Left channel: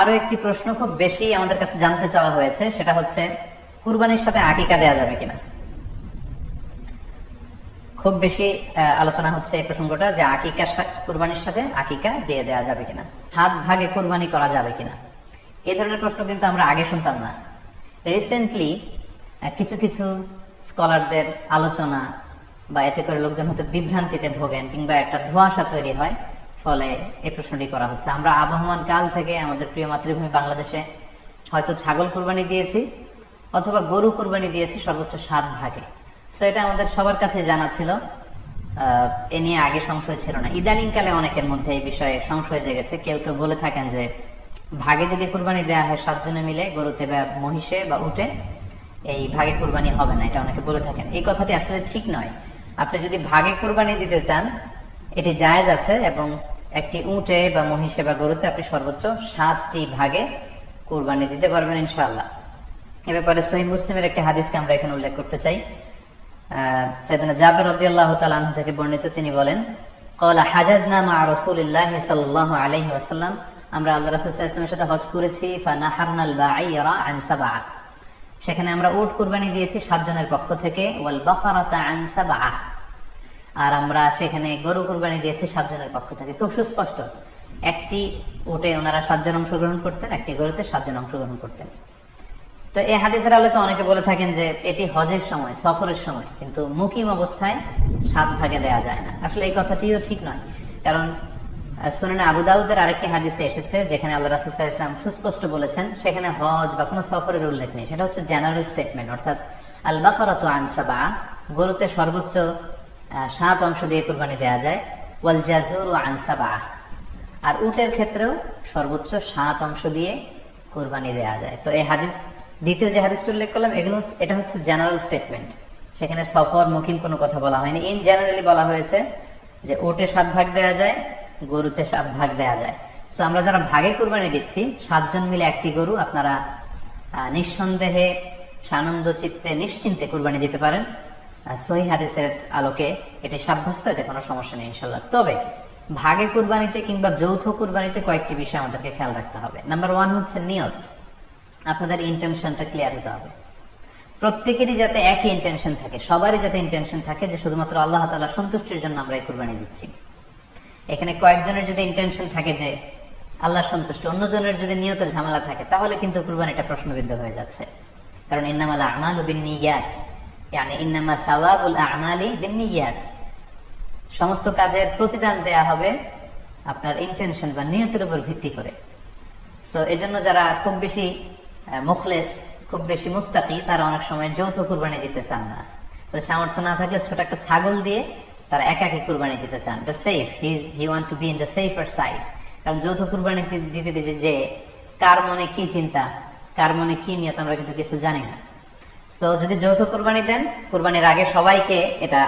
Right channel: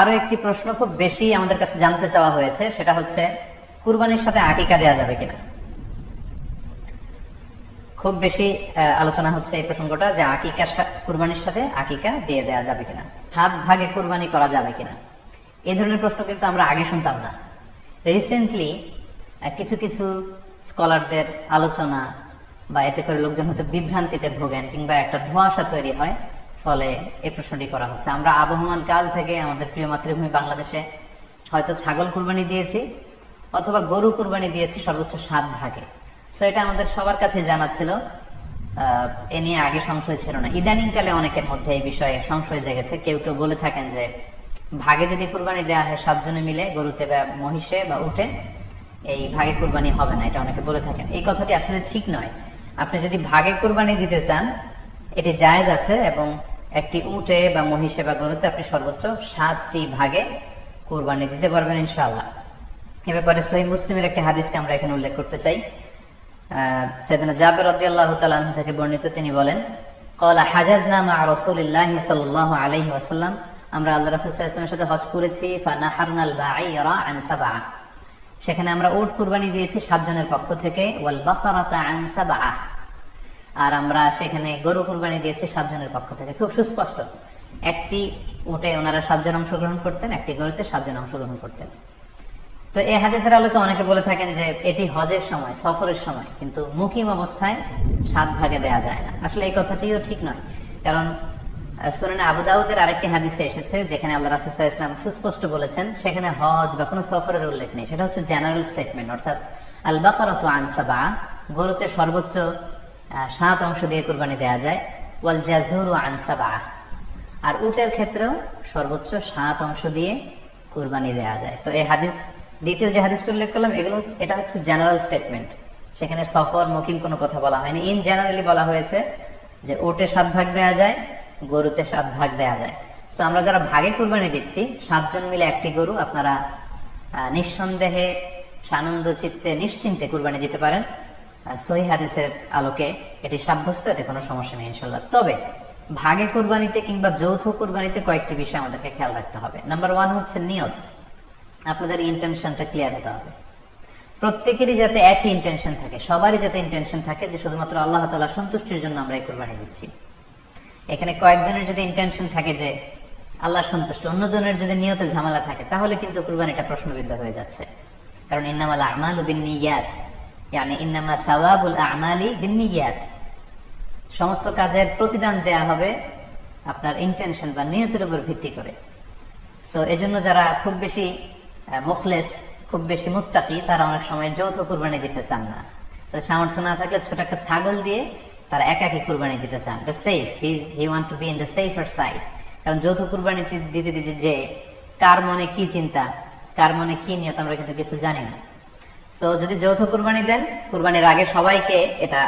আরো একটি প্রশ্ন খুব বেশি আমাদের কাছে জানতে চাওয়া হয়েছে, সেটা হচ্ছে কুরবানির সাথে আকিকা দেয়া যাবে কিনা। খুব বেশি আলোচনা হচ্ছে এই প্রসঙ্গটা যে কুরবানির সাথে আকিকা দিয়ে দেওয়া যাবে কিনা, 7 ভাগে কুরবানি করা যাবে কিনা। এই ধরনের প্রশ্ন কিন্তু আমরা আগে শুনতাম না। রিসেন্টলি কিছু কিছু স্কলারদের আলোচনা বা এতে করে লোকজন হয়তো বিভ্রান্তিতে ভোগেন কিংবা একটা ধোঁয়াশা তৈরি হয়, ফলে এই প্রশ্নটি করা হচ্ছে। আমরা আবহমান কাল থেকে আমাদের প্রিয় মাতৃভূমি বাংলাদেশে হয়তো ছাগল কুরবানি দিয়েছি অথবা গরু কুরবানি দিয়েছি সর্বোচ্চ 7 ভাগে। সো এটা আমাদের সবার কাছে জানা ছিল, এ নিয়ে আগে সংশয় ছিল না। ইদানিং কালে অনেকের মধ্যে এই বিষয়ে সংশয় জেগেছে। কেউ কেউ বলে থাকেন যে ভাগে যদি কুরবানি দেওয়া হয় 7 জনে মিলে, গরুতে বা মহিষে বা উঠে, এই ভাগে কুরবানি হবে না, এটা অনেকে বলে থাকেন। এই কথাটি আসলে ঠিক নয়। আপনি যদি ভাগে কুরবানি দিতে চান এটি জায়েজ আছে, এবং একটি উটে বা মহিষে বা গরুতে আপনি সর্বোচ্চ 7টি ভাগে কুরবানি দিতে পারবেন ইনশাআল্লাহ। এ ব্যাপারে সহিহ মুসলিমের একটি হাদিসকে আমরা এখানে উল্লেখ করতে চাই। সাইয়েদনা জাবের রাদিয়াল্লাহু তাআলা আনহু থেকে বর্ণিত, তিনি বলেন, ক্বালা হাজাজনা মা রাসূলিল্লাহি সাল্লাল্লাহু আলাইহি ওয়াসাল্লাম, আমরা আল্লাহর রাসূল সাল্লাল্লাহু আলাইহি ওয়াসাল্লামের সাথে হজ করেছি। ফানাহারনাল বাঈরা আন সাবআ, সেখানে আমরা উট কুরবানি দিয়েছি 7 জনের পক্ষ থেকে। ওয়াল বাকারাতা আন সাবআ, আর আমরা সেখানে গরু কুরবানি দিয়েছি 7 জনের পক্ষ থেকে। খুব সুস্পষ্ট, একটি উটে ওনারা 7 জন অংশগ্রহণ করতেন, একটি গরুতে 7 জন অংশগ্রহণ করতেন। তো এই হাদিসের আলোকে অনেকে বলে থাকেন যে এটি হজের সময়, সফরের সময়, কিন্তু মুকিম অবস্থায় 7 ভাগে দেয়া যায় না। আসলে এই কথাটিও ঠিক নয়, কারণ সুনানে আবু দাউদের আরেকটি হাদিসে এসেছে যেখানে আল্লাহ রাসূল সাল্লাল্লাহু আলাইহি ওয়াসাল্লাম সুস্পষ্ট বলেছেন, সেখানে হজ বা কোনো সফরের উল্লেখ নেই। সেটা হচ্ছে জেনারেল স্টেটমেন্ট, অর্থাৎ আল বাকারাতু আন সাবআ, গরুতে সর্বোচ্চ 7 অংশ দিয়ে কুরবানি দেয়া যায়। ওয়াল জাযুরু আন সাবআ, আর উটের ক্ষেত্রেও সর্বোচ্চ 7 অংশ দিয়ে কুরবানি দেয়া যায়। তো এই হাদিস, দ্বিতীয় যে হাদিসটি উল্লেখ করলাম, এটা হচ্ছে জেনারেল স্টেটমেন্ট। সেখানে সফর মুকিম কোনো কথা বলা হয়নি। ইন জেনারেলি বলা হয়েছে যে উটে 7 ভাগ দেয়া যায়, গরুতে 7 ভাগ দেয়া যায়। সো আমরা যারা ভাগে কুরবানি দিচ্ছি 7 জন মিলে একটি গরু, আপনারা নিঃসন্দেহে সানন্দ চিত্তে নিশ্চিন্তে কুরবানি দিতে পারেন। সহিহ হাদিসের আলোকে এটি সাব্যস্ত, এতে কোনো সমস্যা নেই ইনশাআল্লাহ। তবে ভাগে কুরবানিতে কিংবা যৌথ কুরবানিতে কয়েকটি বিষয় আমাদেরকে খেয়াল রাখতে হবে। নাম্বার 1 হচ্ছে নিয়ত। আপনাদের ইন্টেনশনটা ক্লিয়ার হতে হবে। প্রত্যেকেরই যাতে একই ইন্টেনশন থাকে, সবারই যাতে ইন্টেনশন থাকে যে শুধুমাত্র আল্লাহ তাআলার সন্তুষ্টির জন্য আমরা এই কুরবানি দিচ্ছি। এখানে কয়েকজনের যদি ইন্টেনশন থাকে যে আল্লাহর সন্তুষ্টি, অন্যজনের যদি নিয়তে ঝামেলা থাকে, তাহলে কিন্তু কুরবানিটা প্রশ্নবিদ্ধ হয়ে যাচ্ছে। কারণ ইন্নামাল আমালু বিন্নিয়াত, মানে ইন্নামা সাওয়াবুল আমালি বিন্নিয়াত, সমস্ত কাজের প্রতিদান দেয়া হবে আপনার ইন্টেনশন বা নিয়তের উপর ভিত্তি করে। সো এজন্য যারা খুব বেশি মুখলেস, খুব বেশি মুত্তাকি, তারা অনেক সময় যৌথ কুরবানি দিতে চান না। সামর্থ্য না থাকলে ছোট একটা ছাগল দিয়ে তারা একাকী কুরবানি দিতে চান। The safe, he want to be in the safer side. কারণ যৌথ কুরবানি দিতে দিতে যে কার মনে কি চিন্তা, কার মনে কি নিয়ত, আমরা কিন্তু কিছু জানি না। সো যদি যৌথ কুরবানি দেন, কুরবানির আগে সবাইকে এটা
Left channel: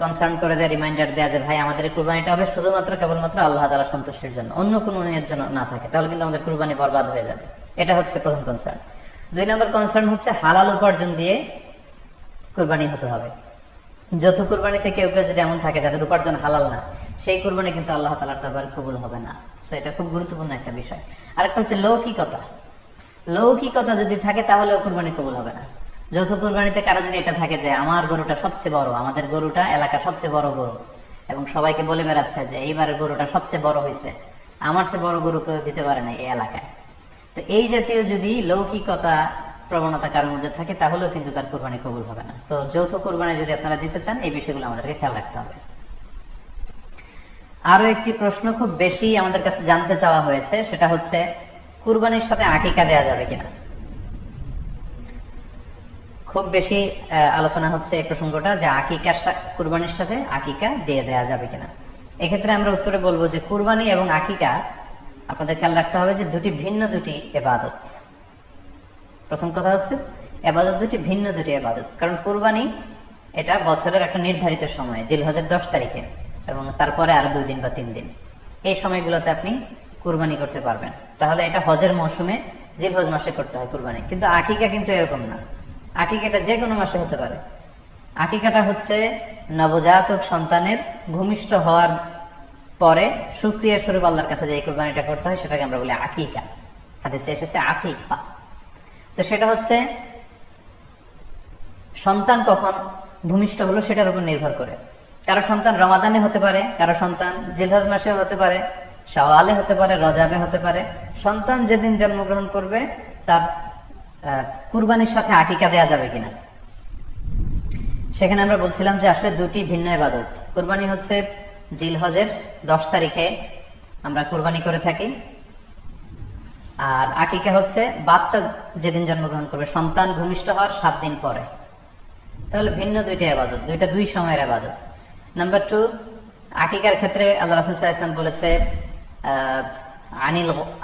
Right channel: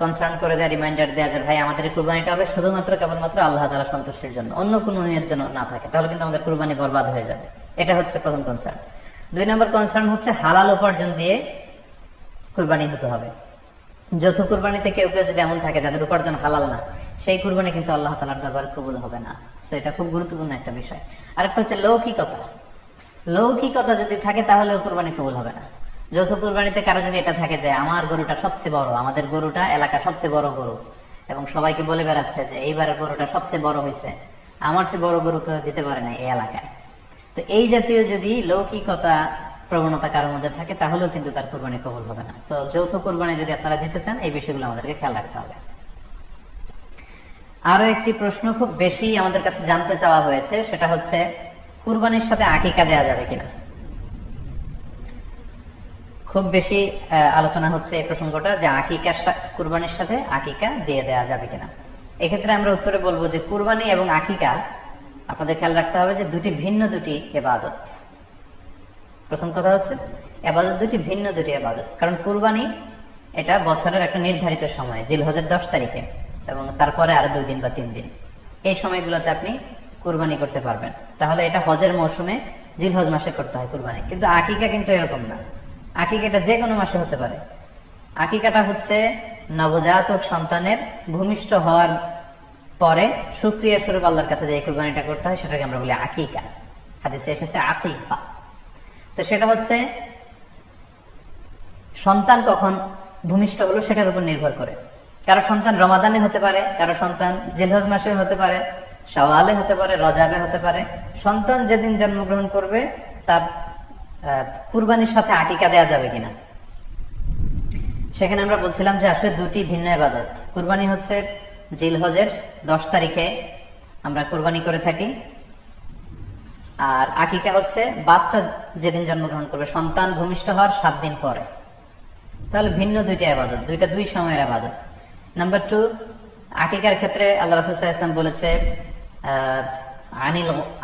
কনসার্ন করে দেয়, রিমাইন্ডার দেয় যে ভাই আমাদের কুরবানিটা হবে শুধুমাত্র কেবলমাত্র আল্লাহ তাআলার সন্তুষ্টির জন্য, অন্য কোনো নিয়ত যেন না থাকে, তাহলে কিন্তু আমাদের কুরবানি বরবাদ হয়ে যাবে। এটা হচ্ছে প্রথম কনসার্ন। 2 নম্বর কনসার্ন হচ্ছে হালাল উপার্জন দিয়ে কুরবানি হতে হবে। যৌথ কুরবানিতে কেউ কেউ যদি এমন থাকে যাদের উপার্জন হালাল না, সেই কুরবানি কিন্তু আল্লাহ তাআলার দরবারে কবুল হবে না। সো এটা খুব গুরুত্বপূর্ণ একটা বিষয়। আরেকটা হচ্ছে লৌকিকতা। লৌকিকতা যদি থাকে তাহলেও কুরবানি কবুল হবে না। যৌথ কুরবানিতে কারো যদি এটা থাকে যে আমার গরুটা সবচেয়ে বড়, আমাদের গরুটা এলাকার সবচেয়ে বড় গরু, এবং সবাইকে বলে বেড়াচ্ছে যে এইবারের গরুটা সবচেয়ে বড় হয়েছে, আমার চেয়ে বড় গরু কেউ দিতে পারে না এই এলাকায়। তো এই জাতীয় যদি লৌকিকতা প্রবণতা কারোর মধ্যে থাকে, তাহলেও কিন্তু তার কুরবানি কবুল হবে না। সো যৌথ কুরবানি যদি আপনারা দিতে চান, এই বিষয়গুলো আমাদেরকে খেয়াল রাখতে হবে। আরো একটি প্রশ্ন খুব বেশি আমাদের কাছে জানতে চাওয়া হয়েছে, সেটা হচ্ছে কুরবানির সাথে আকিকা দেওয়া যাবে কিনা। খুব বেশি আলোচনা হচ্ছে এই প্রসঙ্গটা যে কুরবানির সাথে আকিকা দিয়ে দেওয়া যাবে কিনা। এক্ষেত্রে আমরা উত্তরে বলবো যে কুরবানি এবং আকিকা আপনাদের খেয়াল রাখতে হবে যে ভিন্ন দুটি ইবাদত। প্রথম কথা হচ্ছে ইবাদত ভিন্ন দুটি ইবাদত। কারণ কুরবানি এটা বছরের একটা নির্ধারিত সময়, জিলহজের 10 তারিখে, এবং তারপরে আরো 2 দিন বা 3 দিন, এই সময়গুলোতে আপনি কুরবানি করতে পারবেন। তাহলে এটা হজের মৌসুমে জিলহজ মাসে করতে হয় কুরবানি। কিন্তু আকিকা কিন্তু এরকম না। আকিকাটা যে কোনো মাসে হতে পারে। আকিকাটা হচ্ছে নবজাতক সন্তানের ভূমিষ্ঠ হওয়ার পরে শুকরিয়া স্বরূপ আল্লাহর কাছে যে কুরবানিটা করতে হয়, সেটাকে আমরা বলি আকিকা। হাদিসে এসেছে আকিকা। তো সেটা হচ্ছে সন্তান কখন ভূমিষ্ঠ হলো সেটার উপর নির্ভর করে। কারো সন্তান রমাদানে হতে পারে, কারো সন্তান জিলহজ মাসে হতে পারে, শাওয়ালে হতে পারে, রজাবে হতে পারে। সন্তান যেদিন জন্মগ্রহণ করবে তার কুরবানির সাথে আকিকা দেয়া যাবে কিনা, সেখানে আমরা বলছিলাম যে আসলে দুটি ভিন্ন ইবাদত। কুরবানি হচ্ছে জিলহজের 10 তারিখে আমরা কুরবানি করে থাকি, আর আকিকা হচ্ছে বাচ্চা যেদিন জন্মগ্রহণ করবে, সন্তান ভূমিষ্ঠ হওয়ার 7 দিন পরে। তাহলে ভিন্ন দুইটা ইবাদত, দুইটা দুই সময়ের ইবাদত। নাম্বার 2, আকিকার ক্ষেত্রে আল্লাহ রাসূল সাল্লাল্লাহু আলাইহি ওয়াসাল্লাম বলেছে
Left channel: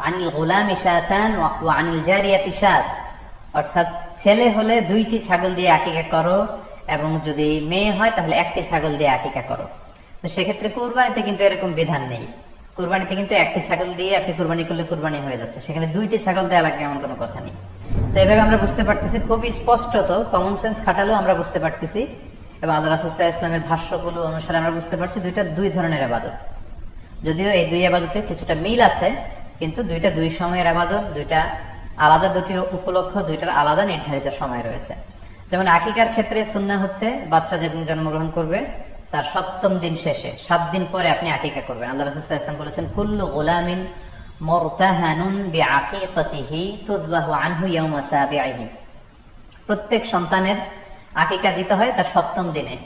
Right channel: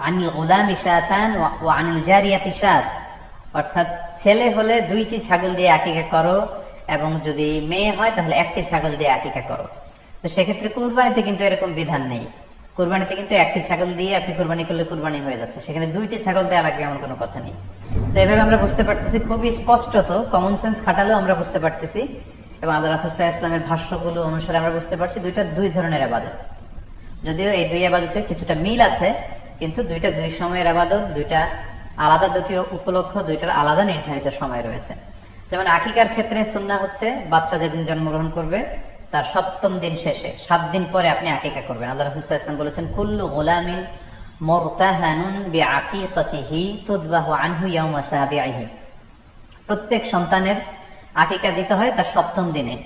আনিল গুলামি শাতান ওয়া আনিল জারিয়াতি শাত, অর্থাৎ ছেলে হলে 2টি ছাগল দিয়ে আকিকা করো, এবং যদি মেয়ে হয় তাহলে 1টি ছাগল দিয়ে আকিকা করো। তো সেক্ষেত্রে কুরবানিতে কিন্তু এরকম বিধান নেই। কুরবানিতে কিন্তু 1টি ছাগল দিয়ে আপনি কুরবানি করলে কুরবানি হয়ে যাচ্ছে, সেখানে 2টি ছাগল দেওয়া লাগবে এমন কোনো কথা নেই। তো এভাবে আমরা বুঝতে পারতেছি, খুবই স্পষ্টত কমন সেন্স খাটালেও আমরা বুঝতে পারতেছি, এবং আল্লাহ রাসূল সাল্লাল্লাহু আলাইহি ওয়াসাল্লামের ভাষ্যগুলো অনুসারে আমরা বুঝতে পারছি দুইটা দুই ধরনের ইবাদত। যদিও এই দুই ইবাদতে কিছুটা মিল আছে, কিন্তু দুইটা দুই সময়ের ইবাদত, দুইটা আলাদা, দুটি উপলক্ষ, দুইটার আলাদা নির্ধারিত সময় রয়েছে। যেমন আকিকার ক্ষেত্রে সুন্নাহ হচ্ছে বাচ্চা যেদিন জন্মগ্রহণ করবে তার 7ম দিন শেষে 7 দিন পরে আপনি আকিকা করবেন। আল্লাহ রাসূল সাল্লাল্লাহু আলাইহি ওয়াসাল্লাম বলেছেন কুল্লু গুলামিন মুরতাহানুন বিআকিকাতিহি তুযবাহু আনহু ইয়াওমা সাবিহি, প্রত্যেক সন্তানের আকিকা দিতে হয় তার 7ম দিনে।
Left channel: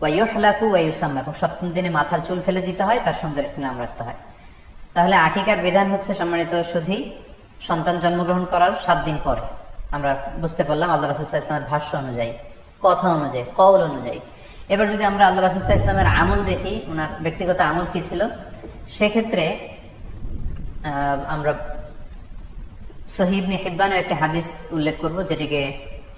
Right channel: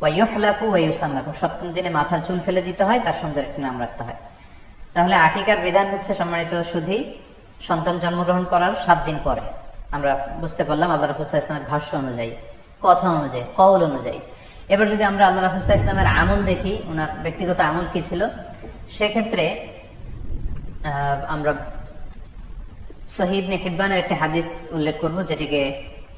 ওয়া ইউহলাকু ওয়া ইউসাম্মা, 7ম দিনে মাথার চুল ফেলে দিতে হয়, তার সুন্দর একটি নাম রাখতে হয়। তাহলে আকিকার বিধান হচ্ছে সম্মানিত সুধী সন্তান জন্মগ্রহণ করার 7 দিন পরে। আমরা বুঝতে পারলাম আল্লাহ রাসূল সাল্লাল্লাহু আলাইহি ওয়াসাল্লামের ভাষ্য অনুযায়ী, কথা অনুযায়ী, কওল অনুযায়ী। এবার যদি আমরা আল্লাহ রাসূল সাল্লাল্লাহু আলাইহি ওয়াসাল্লামের আমল দেখি, ওনার ব্যক্তিগত আমল কি ছিল, সেক্ষেত্রে আমরা সহিহ ইবনে হিব্বানের একটি হাদিস উল্লেখ করব, যেটিকে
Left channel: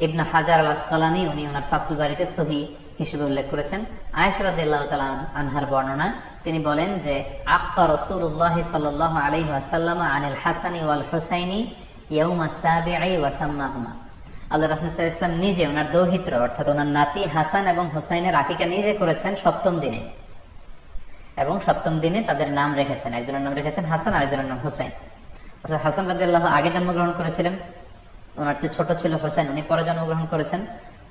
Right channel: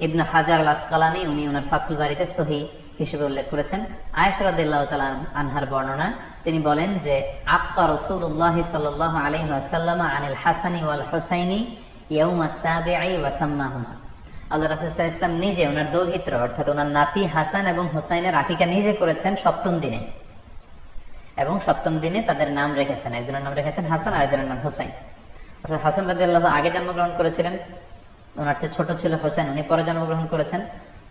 ইবনে হাজার আল আসকালানী উনি ওনার ফাথুল বারীতে সহিহ হিসেবে উল্লেখ করেছেন। আয়েশা রাদিয়াল্লাহু তাআলা আনহার বর্ণনা, তিনি বলেন যে আক্কা রাসূলুল্লাহ সাল্লাল্লাহু আলাইহি ওয়াসাল্লাম আনিল হাসানি ওয়াল হুসাইনি ইয়াউমা সাবিঈ ওয়া সাম্মাহুমা। আল্লাহ রাসূল সাল্লাল্লাহু আলাইহি ওয়াসাল্লাম নিজে ওনার দৌহিত্র অর্থাৎ ওনার নাতি হাসান এবং হুসাইনের আকিকা নিজে করেছেন 7ম দিনে, এবং 7ম দিনে তাদের নাম রেখেছেন। একজনের নাম রেখেছেন হাসান, আরেকজনের নাম হুসাইন। অর্থাৎ হাসান রাদিয়াল্লাহু আগে জন্মগ্রহণ করেছিলেন, ওনার চেয়ে ছোট ছিল হুসাইন, উনি পরে জন্মগ্রহণ করেছেন।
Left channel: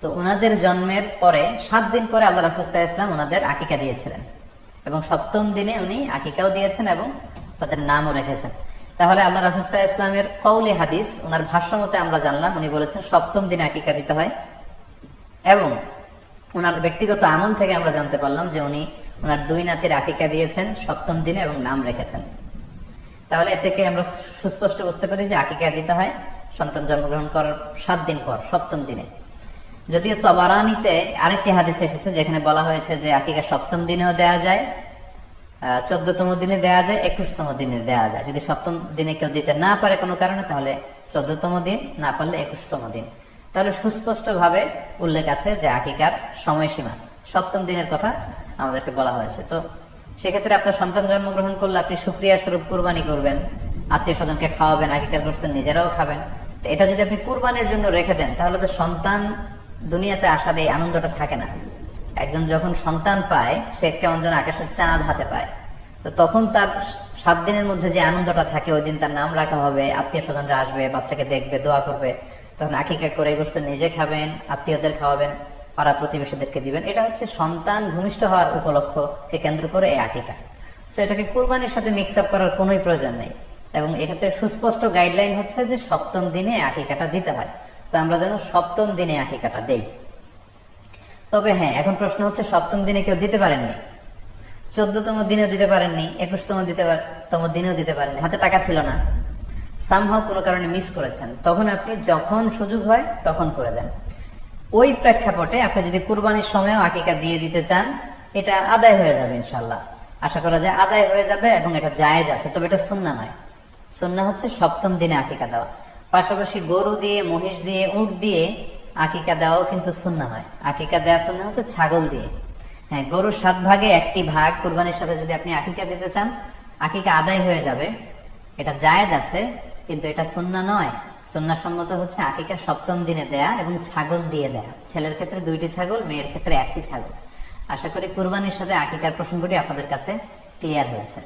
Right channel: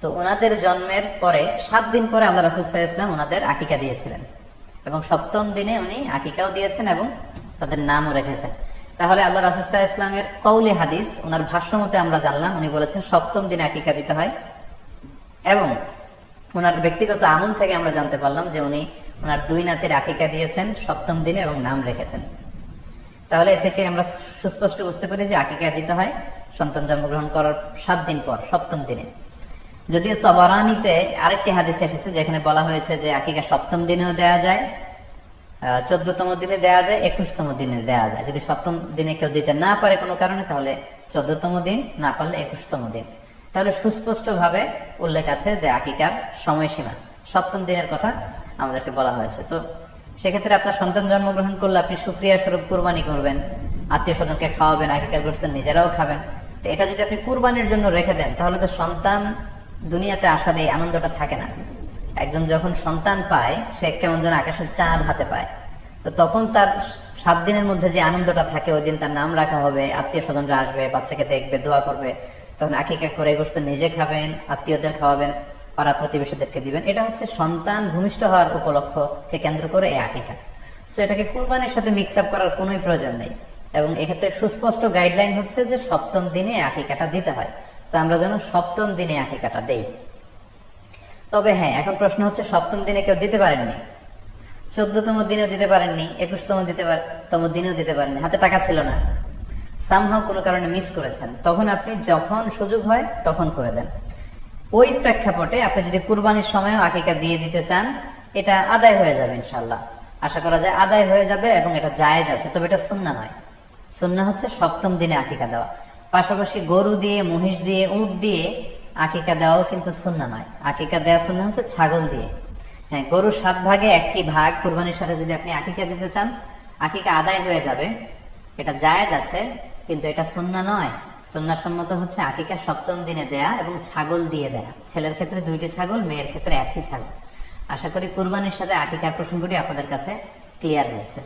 তো ওনাদের জন্মের পরে 7 দিন পরে আল্লাহ রাসূল সাল্লাল্লাহু আলাইহি ওয়াসাল্লাম ওনাদের আকিকা দিয়েছিলেন, এবং 7ম দিনে উনি আকিকাও দিয়েছেন এবং তাদের নামও রেখেছেন। তাহলে আল্লাহ রাসূল সাল্লাল্লাহু আলাইহি ওয়াসাল্লামের কওলি হাদিস, ওনার ভাষ্য মতে আমরা জানলাম উনি বলেছেন 7ম দিনে আকিকা দিতে হয়, এবং ওনার ব্যক্তিগত আমল থেকে আমরা জানতে পারলাম যে উনি ওনার 2 নাতির আকিকা দিয়েছেন 7ম দিনে এবং নাম রেখেছেন। তাহলে এ থেকে আমরা সুস্পষ্ট বুঝতে পারি যে আকিকা দিতে হয় সন্তান জন্মগ্রহণ করার 7 দিন পর, 7ম দিনে। যদিও তবারানীতে আরেকটি হাদিস এসেছে যেখানে বলা হয়েছে যে আকিকা 7ম দিনেও দেয়া যায়, 14তম দিনে দেয়া যায়, 21তম দিনে দেয়া যায়। যদি 7ম দিনে কেউ দিতে না পারে কোনো কারণে, তাহলে 14তম দিন, না পারলে 21তম দিন। তাহলে সুস্পষ্ট ভাবে উল্লেখ আছে যে আকিকার সময়সীমা 7ম দিনের কথা আমাদেরকে বলা হয়েছে। তো সেক্ষেত্রে আপনার সন্তান জন্মগ্রহণ করলে আপনি শুকরিয়া স্বরূপ কুরবানি করবেন, আত্মীয় স্বজনকে খাওয়াবেন, আকিকার গোশত নিজেরাও খাবেন। তো এটা যদি আপনি কুরবানির জন্য রেখে দেন, তাহলে তো সন্তান দুনিয়াতে আসার এই আনন্দটা থাকে না। একজন যখন সন্তান পায়, সে কেমন যেন আকাশের চাঁদ হাতে পায়। তো তখন তার 7 দিনের মধ্যে যে আনন্দটা থাকে, ওই দিন তার নাম রাখা হবে, আত্মীয় স্বজনরা আসবে, বাচ্চাকে দেখবে, দোয়া করবে, তখন আকিকা করে গোশত নিজে খাবেন, আত্মীয়দের খাওয়াবেন, পাড়া প্রতিবেশীদেরকে দিবেন। এটা হচ্ছে সন্তান ভূমিষ্ঠ হওয়ার উপলক্ষকে কেন্দ্র করে এই আকিকা। সো এটাকে কুরবানির সাথে মিক্স আপ করার কোনোই প্রয়োজন নেই, এবং এক্ষেত্রে সুস্পষ্ট গাইডলাইন হচ্ছে যে 7ম দিনে আকিকাটা দিতে হয়। তো আমরা যেন 7ম দিনে আকিকাটা দেই। তবে হ্যাঁ, এখন প্রশ্ন হচ্ছে 7ম দিনে কেউ দিতে পারেননি, 14তম দিনেও দিতে পারেননি, 21তম দিনেও দিতে পারেননি, হাতে টাকা ছিল না, সামহাও কোনো কারণে মিস করেছেন, তখন আপনি যখন সুযোগ হয় তখন করে দেন। ওই প্রেক্ষাপটে আপনি যদি কুরবানির সময়ও আকিকা দিয়ে দিতে চান, এটা আদায় হয়ে যাবে ইনশাআল্লাহ। আশা করা যায় আদায় হয়ে যাবে, এবং এটা জায়েজ আছে। তবে এটা সুন্নাহ নয়। সুন্নাহ হচ্ছে 7ম দিনে আকিকা দেওয়া। পাশাপাশি গরু দিয়ে, মহিষ দিয়ে, উট দিয়ে আকিকা দেওয়াও কিন্তু সুন্নাহ নয়। আকিকা দেওয়া সুন্নাহ হচ্ছে ছাগল দিয়ে। হ্যাঁ, গরুর 7 ভাগে 1টি ভাগ কুরবানির সাথে যদি আপনি আকিকা দিতে চান, আকিকা আদায় হয়ে যাবে, এটা জায়েজ আছে, কিন্তু এটা সুন্নাহ নয়। সুন্নাহ সম্মত হচ্ছে আকিকা 7ম দিনে দেয়া এবং ছাগল দিয়ে দেয়া। ছেলের ক্ষেত্রে 2টি ছাগল, মেয়ের ক্ষেত্রে 1টি ছাগল। আশা করি কুরবানির সাথে আকিকার প্রসঙ্গটি আপনাদের কাছে ক্লিয়ার হয়েছে।